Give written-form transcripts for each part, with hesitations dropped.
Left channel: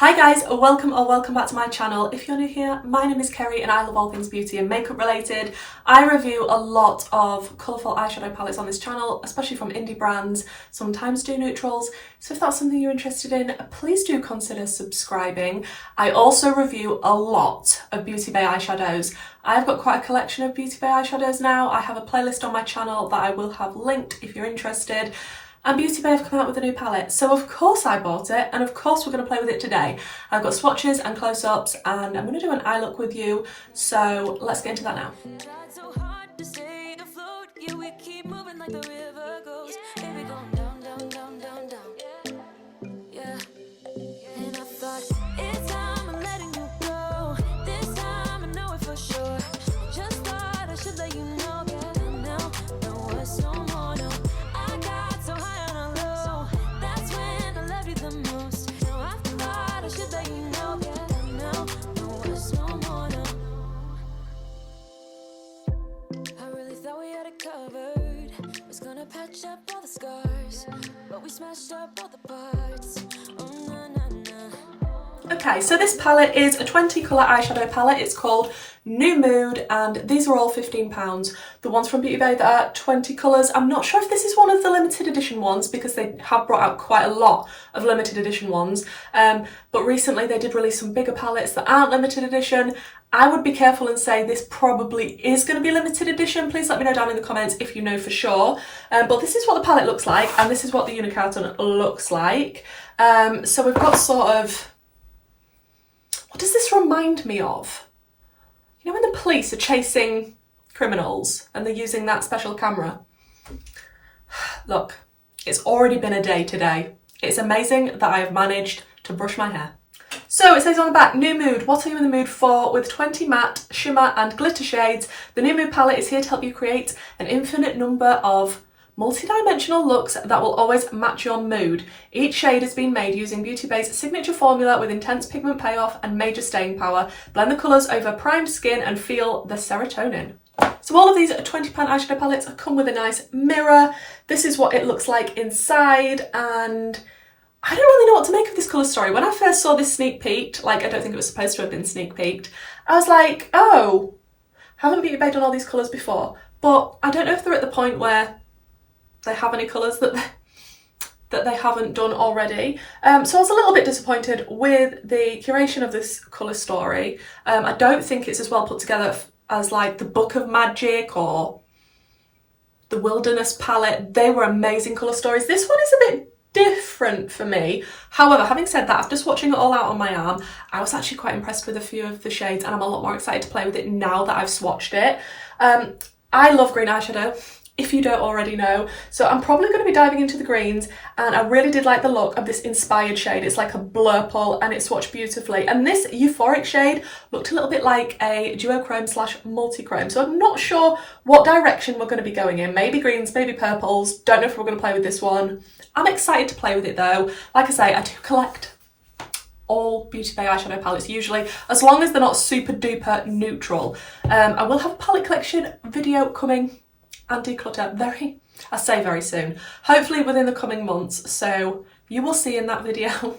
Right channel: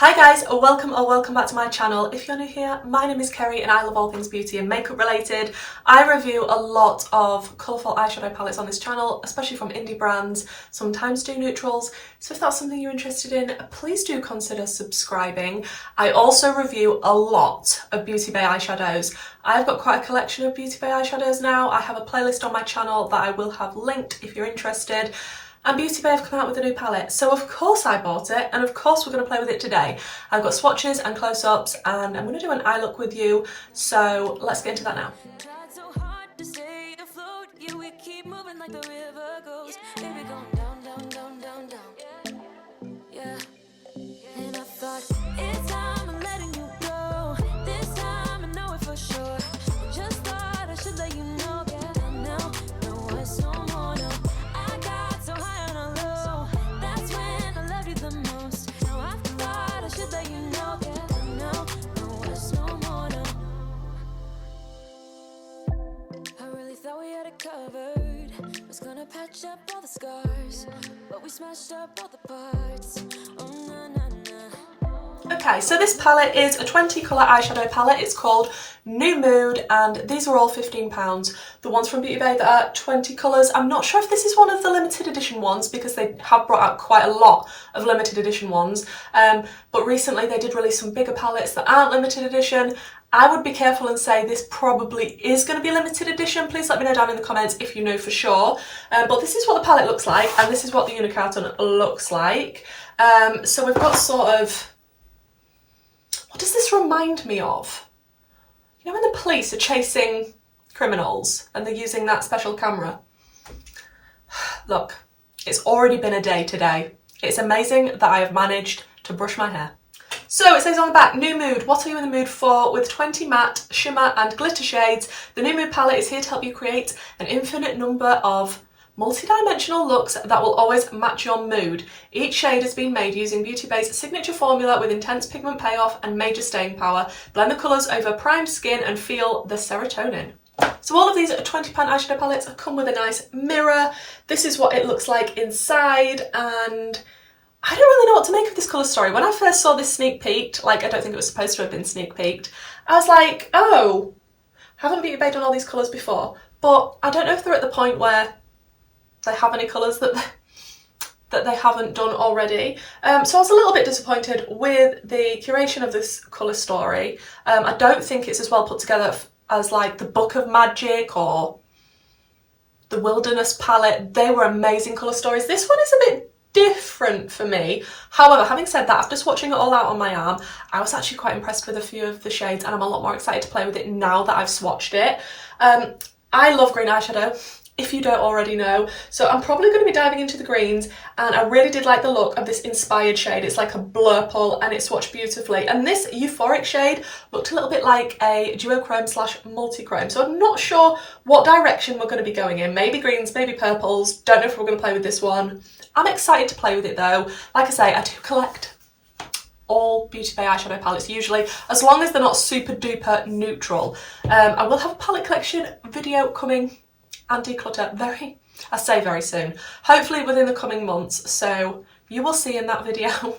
Hi guys, or welcome back to my channel. If you're new here, my name is Kerry and I love all things beauty and makeup related. I review a lot of colourful eyeshadow palettes on this channel, especially from indie brands, sometimes do neutrals. So if that's something you're interested in, please do consider subscribing. I also review a lot of Beauty Bay eyeshadows. I've got quite a collection of Beauty Bay eyeshadows now. I have a playlist on my channel that I will have linked if you're interested. And Beauty Bay have come out with a new palette, so of course I bought it, and of course we're going to play with it today. I've got swatches and close-ups, and I'm going to do an eye look with you, so let's get into that now. Covered, was gonna patch up all the scars, but we smashed up all the parts. Oh na na na. Okay, so this palette is a 20 colour eyeshadow palette. It's called New Mood, and these are all £15. The ones from Beauty Bay that are 20 colours. I'm not sure if this is one of the limited edition ones because they have brought out quite a lot of limited edition ones. But recently they did release some bigger palettes that aren't limited edition. I would be careful and say this probably is going to be limited edition. Please let me know down in the comments if you know for sure. But this is what the palette looks like, and this is what the unicarton looks like. So we've got sort of... What does this remind me of? You know when the police are chasing criminals and they're using that special camera? Look, it's already been a day today. It's amazing that I have managed to brush my hair. So it says on the back, New Mood, what are you in the mood for? With 20 matte, shimmer and glitter shades, the New Mood palette is here to help you create an infinite number of multi-dimensional looks that will always match your mood. Each shade has been made using Beauty Bay's signature formula with intense pigment payoff and major staying power. Blend the colours over primed skin and feel the serotonin. So all of these £20 eyeshadow palettes come with a nice mirror. This is what it looks like inside, and I don't really know what to make of this colour story. When I first saw this sneak peeked, like I don't think it was supposed to have been sneak peeked, I was like, oh, haven't Beauty Bay done all these colours before? But I don't know if they're at the point where they have any colours that they haven't done already. So I was a little bit disappointed with the curation of this colour story. I don't think it's as well put together as like the Book of Magic or the Wilderness palette. They were amazing colour stories. This one is a bit different for me. However, having said that, after swatching it all out on my arm, I was actually quite impressed with a few of the shades, and I'm a lot more excited to play with it now that I've swatched it. I love green eyeshadow, if you don't already know, so I'm probably going to be diving into the greens, and I really did like the look of this inspired shade. It's like a blurple and it swatched beautifully, and this euphoric shade looked a little bit like a duochrome / multi-chrome, so I'm not sure what direction we're going to be going in. Maybe greens, maybe purples, don't know if we're going to play with this one. I'm excited to play with it though. Like I say, I do collect all Beauty Bay eyeshadow palettes usually, as long as they're not super duper neutral. I will have a palette collection video coming and declutter very soon, hopefully within the coming months, so you will see in that video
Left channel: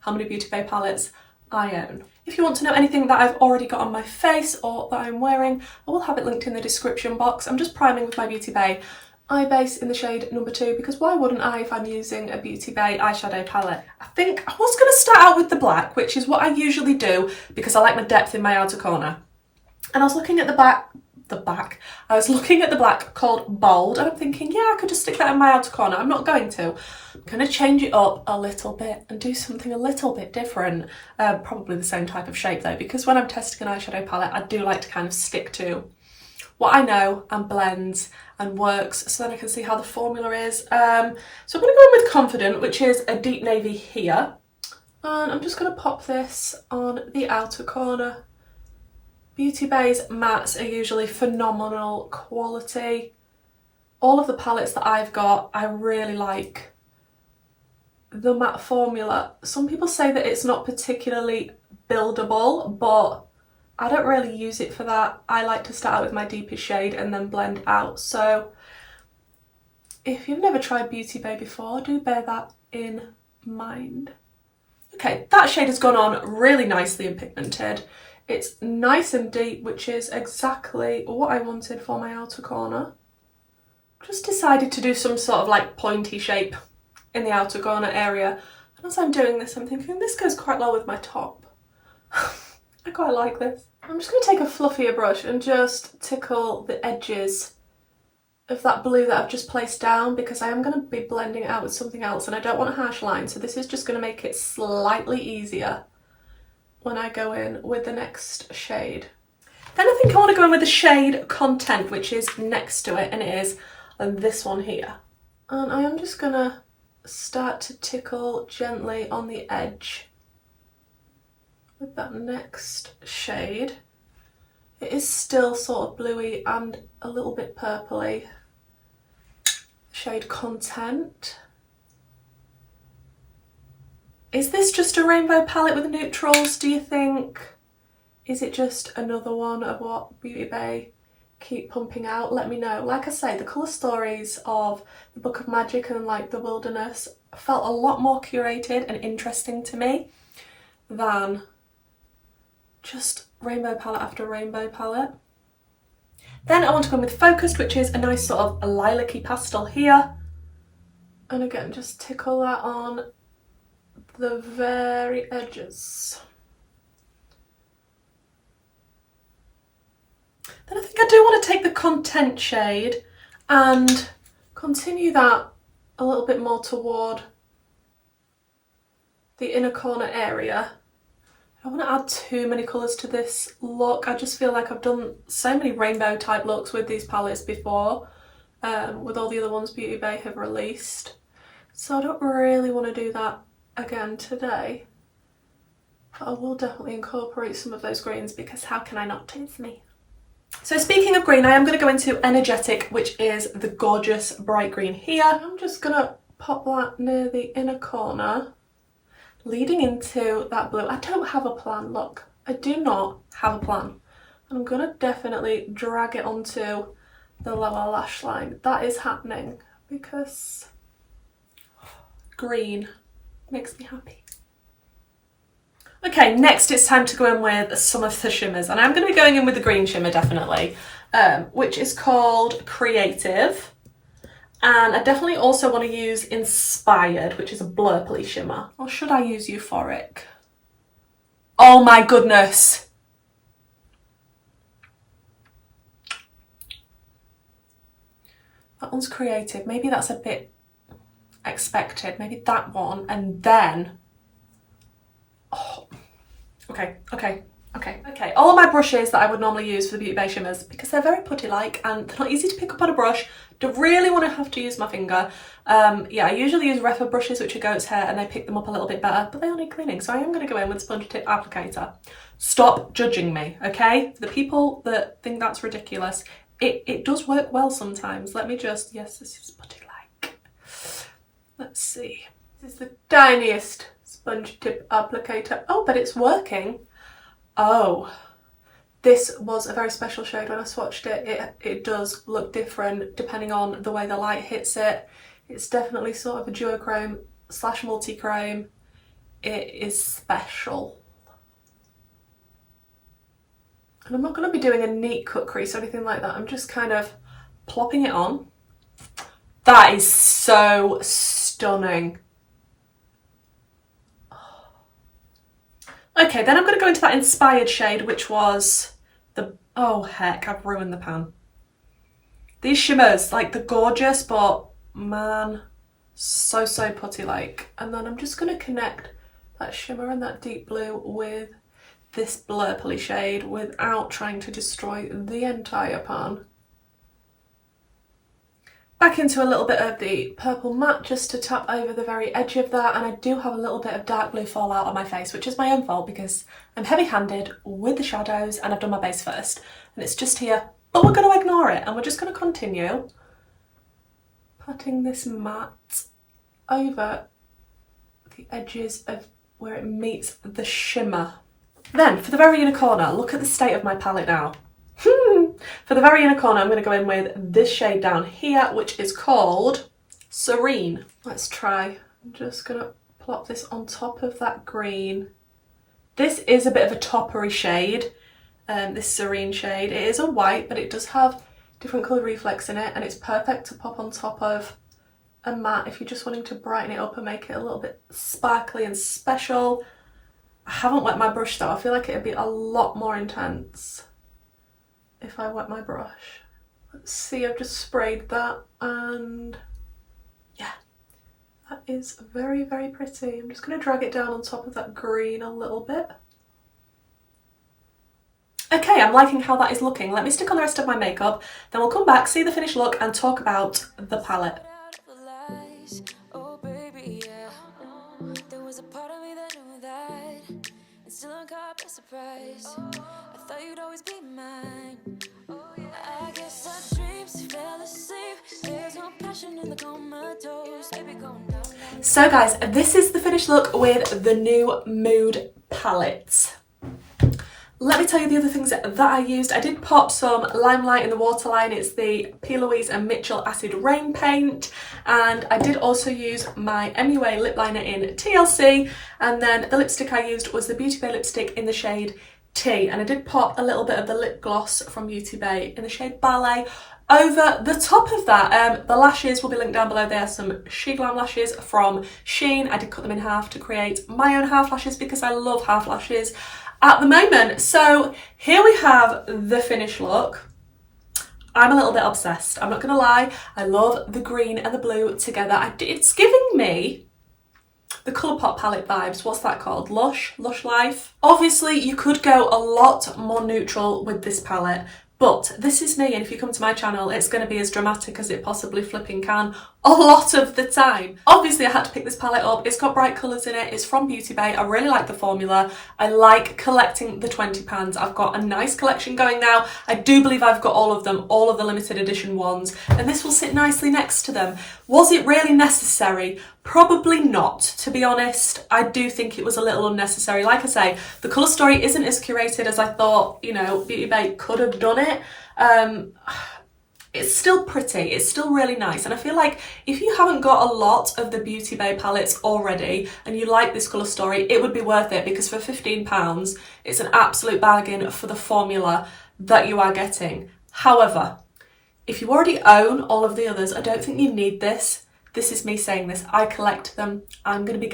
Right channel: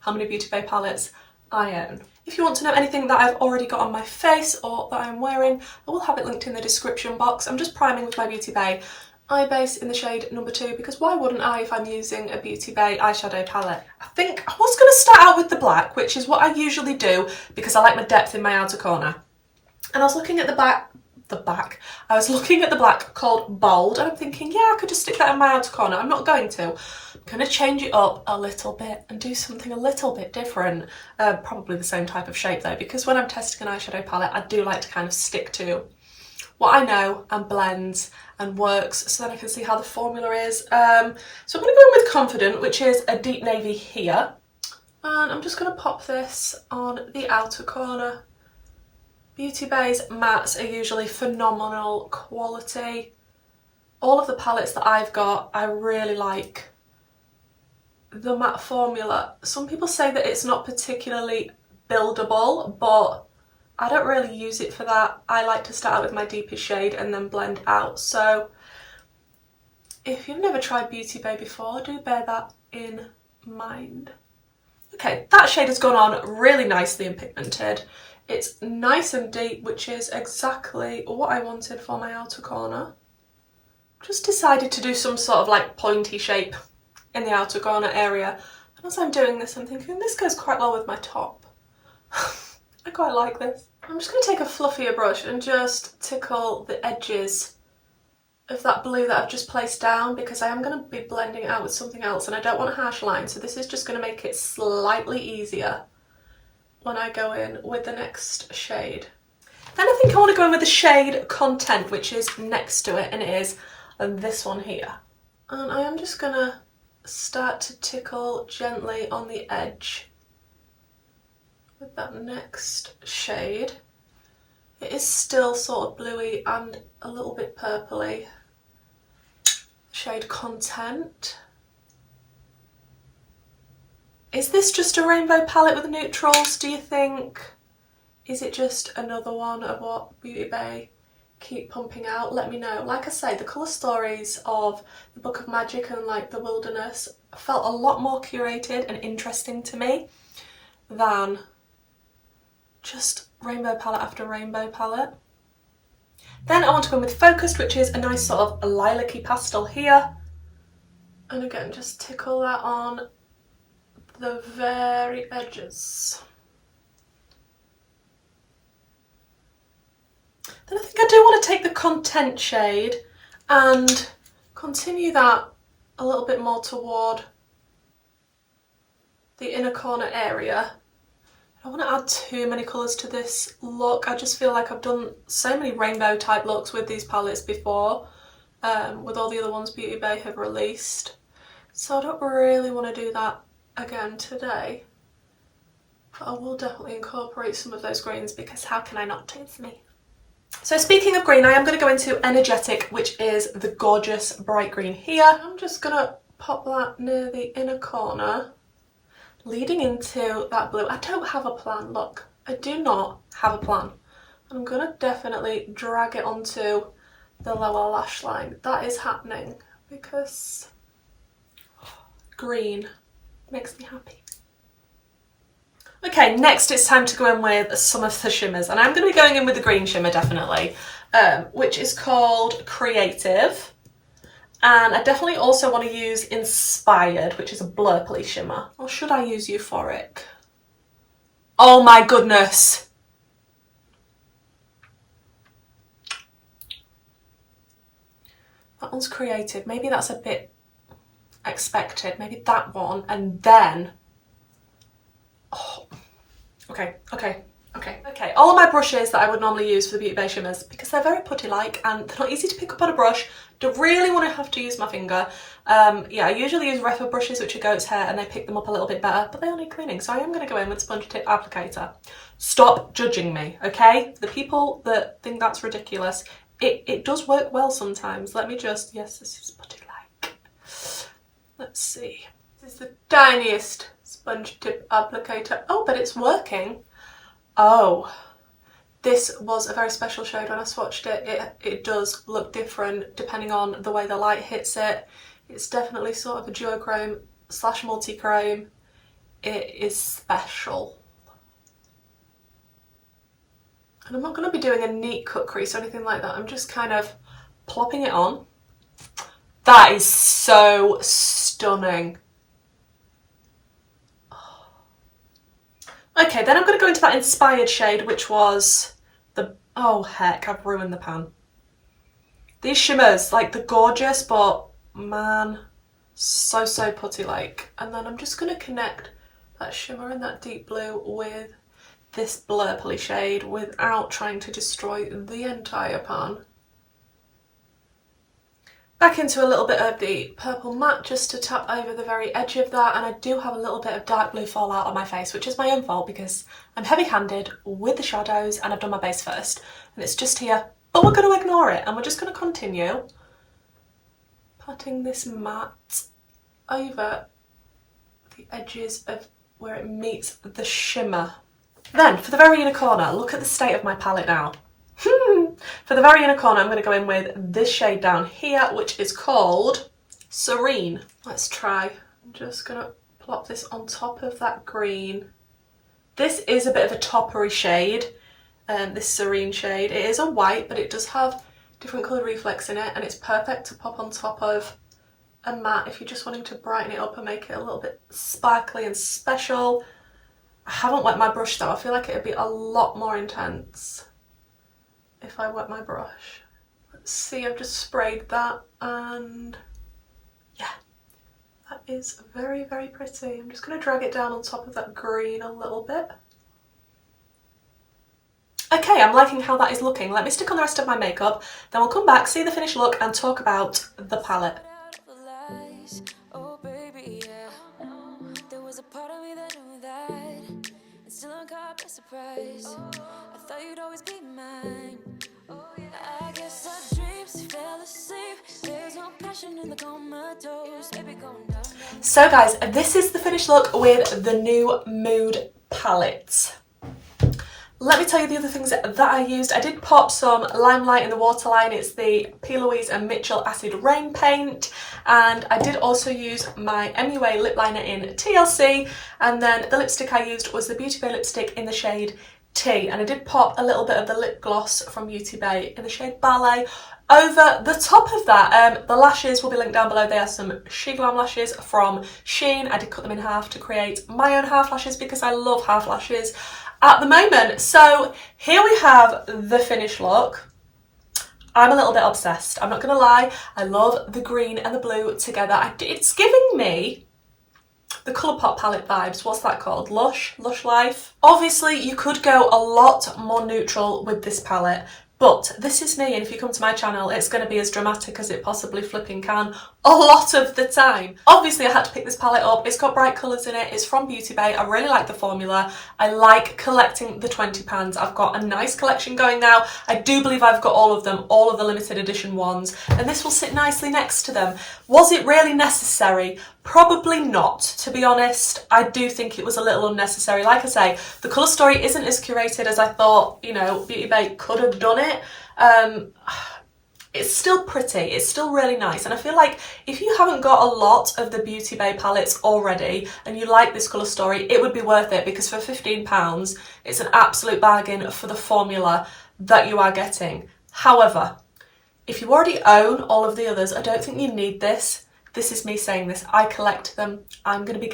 how many Beauty Bay palettes I own. If you want to know anything that I've already got on my face or that I'm wearing, I will have it linked in the description box. I'm just priming with my Beauty Bay eye base in the shade number 2, because why wouldn't I if I'm using a Beauty Bay eyeshadow palette? I think I was going to start out with the black, which is what I usually do because I like my depth in my outer corner. And I was looking at I was looking at the black called Bold, and I'm thinking, yeah, I could just stick that in my outer corner. I'm not going to. I'm going to change it up a little bit and do something a little bit different. Probably the same type of shape though, because when I'm testing an eyeshadow palette, I do like to kind of stick to what I know and blends and works, so then I can see how the formula is. So I'm going to go in with Confident, which is a deep navy here. And I'm just going to pop this on the outer corner. Beauty Bay's mattes are usually phenomenal quality. All of the palettes that I've got, I really like the matte formula. Some people say that it's not particularly buildable, but I don't really use it for that. I like to start out with my deepest shade and then blend out. So if you've never tried Beauty Bay before, do bear that in mind. Okay, that shade has gone on really nicely and pigmented. It's nice and deep, which is exactly what I wanted for my outer corner. Just decided to do some sort of like pointy shape in the outer corner area. And as I'm doing this, I'm thinking this goes quite well with my top. I quite like this. I'm just going to take a fluffier brush and just tickle the edges of that blue that I've just placed down, because I am going to be blending it out with something else and I don't want a harsh line, so this is just going to make it slightly easier when I go in with the next shade. Then I think I want to go in with the shade Content, which is next to it, and it is this one here. And I am just going to start to tickle gently on the edge with that next shade. It is still sort of bluey and a little bit purpley. Shade Content. Is this just a rainbow palette with neutrals, do you think? Is it just another one of what Beauty Bay keep pumping out? Let me know. Like I say, the colour stories of the Book of Magic and like the Wilderness felt a lot more curated and interesting to me than just rainbow palette after rainbow palette. Then I want to go in with Focused, which is a nice sort of lilac-y pastel here. And again, just tickle that on the very edges. Then I think I do want to take the Content shade and continue that a little bit more toward the inner corner area. I don't want to add too many colours to this look. I just feel like I've done so many rainbow type looks with these palettes before, with all the other ones Beauty Bay have released. So I don't really want to do that again today. But I will definitely incorporate some of those greens, because how can I not taste me? So speaking of green, I am going to go into Energetic, which is the gorgeous bright green here. I'm just going to pop that near the inner corner, leading into that blue. I don't have a plan, look. I do not have a plan. I'm going to definitely drag it onto the lower lash line. That is happening because green makes me happy. Okay, next it's time to go in with some of the shimmers, and I'm going to be going in with the green shimmer definitely, which is called Creative. And I definitely also want to use Inspired, which is a blurply shimmer. Or should I use Euphoric? Oh my goodness! That one's Creative. Maybe that's a bit expected. Maybe that one, and then... Oh, okay. All of my brushes that I would normally use for the Beauty Bay shimmers, because they're very putty-like and they're not easy to pick up on a brush. Don't really want to have to use my finger. Yeah, I usually use Refa brushes, which are goat's hair, and they pick them up a little bit better, but they all need cleaning, so I am going to go in with sponge tip applicator. Stop judging me, okay? The people that think that's ridiculous, it does work well sometimes. Let me just, yes, this is putty-like. Let's see. This is the tiniest sponge tip applicator. Oh, but it's working. Oh. This was a very special shade when I swatched it. It does look different depending on the way the light hits it. It's definitely sort of a duochrome / multi-chrome. It is special. And I'm not going to be doing a neat cut crease or anything like that. I'm just kind of plopping it on. That is so stunning. Okay, then I'm going to go into that Inspired shade, which was the... Oh, heck, I've ruined the pan. These shimmers, like, they're gorgeous, but, man, so putty-like. And then I'm just going to connect that shimmer and that deep blue with this blurply shade without trying to destroy the entire pan. Back into a little bit of the purple matte just to tap over the very edge of that, and I do have a little bit of dark blue fallout on my face, which is my own fault because I'm heavy-handed with the shadows and I've done my base first and it's just here, but we're going to ignore it and we're just going to continue patting this matte over the edges of where it meets the shimmer. Then for the very inner corner, look at the state of my palette now. For the very inner corner, I'm going to go in with this shade down here, which is called Serene. Let's try. I'm just going to plop this on top of that green. This is a bit of a toppery shade, this Serene shade. It is a white, but it does have different colour reflex in it, and it's perfect to pop on top of a matte if you're just wanting to brighten it up and make it a little bit sparkly and special. I haven't wet my brush though. I feel like it would be a lot more intense if I wet my brush. Let's see, I've just sprayed that, and yeah, that is very, very pretty. I'm just going to drag it down on top of that green a little bit. Okay, I'm liking how that is looking. Let me stick on the rest of my makeup, then we'll come back, see the finished look, and talk about the palette. Oh baby, yeah. There was a part of me that knew that, and still I'm caught by surprise. I thought you'd always be mine. I guess our dreams fell asleep. There's no passion in the comatose. Baby, going down, down. So guys, this is the finished look with the new Mood palette. Let me tell you the other things that I used. I did pop some Limelight in the waterline. It's the P. Louise and Mitchell Acid Rain Paint. And I did also use my MUA lip liner in TLC. And then the lipstick I used was the Beauty Bay lipstick in the shade T. And I did pop a little bit of the lip gloss from Beauty Bay in the shade Ballet over the top of that. The lashes will be linked down below. They are some SHEGLAM lashes from Shein. I did cut them in half to create my own half lashes because I love half lashes at the moment. So here we have the finished look. I'm a little bit obsessed, I'm not gonna lie. I love the green and the blue together. It's giving me the Colourpop palette vibes. What's that called? Lush Life. Obviously you could go a lot more neutral with this palette, but this is me, and if you come to my channel it's going to be as dramatic as it possibly flipping can a lot of the time. Obviously I had to pick this palette up. It's got bright colours in it, it's from Beauty Bay. I really like the formula. I like collecting the 20 pans. I've got a nice collection going now. I do believe I've got all of them, all of the limited edition ones, and this will sit nicely next to them. Was it really necessary? Probably not, to be honest. I do think it was a little unnecessary. Like I say, the colour story isn't as curated as I thought, you know, Beauty Bay could have done it. It's still pretty, it's still really nice, and I feel like if you haven't got a lot of the Beauty Bay palettes already and you like this colour story, it would be worth it, because for £15 it's an absolute bargain for the formula that you are getting. However, if you already own all of the others, I don't think you need this. This is me saying this. I collect them. I'm going to be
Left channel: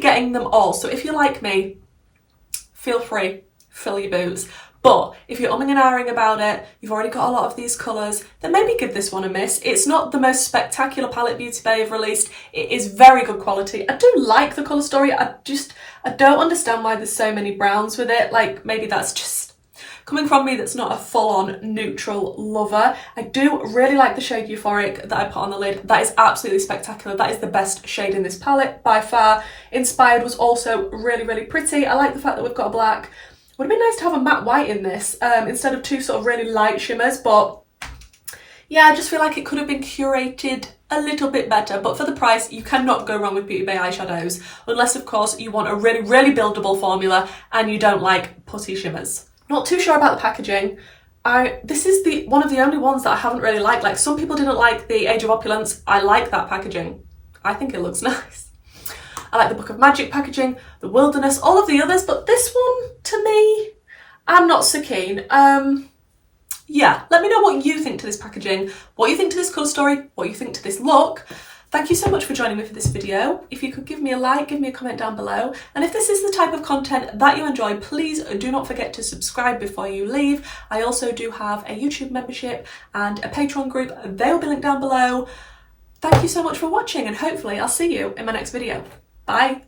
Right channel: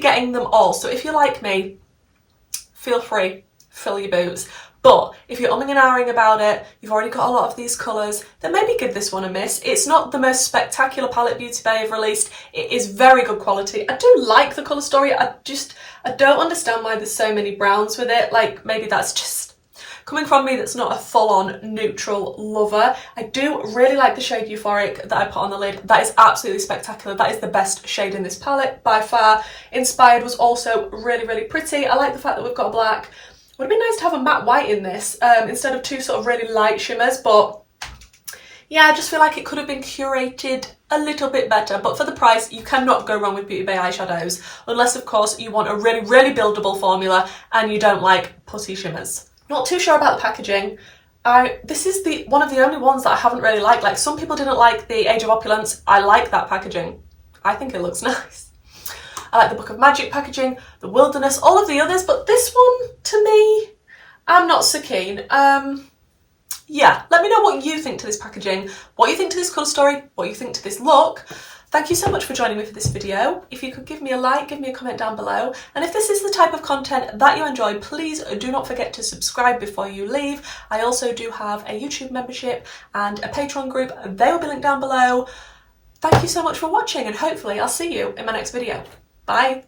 getting them all. So if you like me, feel free, fill your boots. But if you're umming and ahhing about it, you've already got a lot of these colours, then maybe give this one a miss. It's not the most spectacular palette Beauty Bay have released. It is very good quality. I do like the colour story. I don't understand why there's so many browns with it. Like, maybe that's just coming from me that's not a full-on neutral lover. I do really like the shade Euphoric that I put on the lid. That is absolutely spectacular. That is the best shade in this palette by far. Inspired was also really, really pretty. I like the fact that we've got a black. Would have been nice to have a matte white in this instead of two sort of really light shimmers, but yeah, I just feel like it could have been curated a little bit better. But for the price, you cannot go wrong with Beauty Bay eyeshadows, unless of course you want a really, really buildable formula and you don't like putty shimmers. Not too sure about the packaging. This is one of the only ones that I haven't really liked. Like, some people didn't like the Age of Opulence. I like that packaging. I think it looks nice. I like the Book of Magic packaging, the Wilderness, all of the others, but this one, to me, I'm not so keen. Yeah, let me know what you think to this packaging, what you think to this colour story, what you think to this look. Thank you so much for joining me for this video. If you could give me a like, give me a comment down below. And if this is the type of content that you enjoy, please do not forget to subscribe before you leave. I also do have a YouTube membership and a Patreon group. They will be linked down below. Thank you so much for watching, and hopefully I'll see you in my next video. Bye.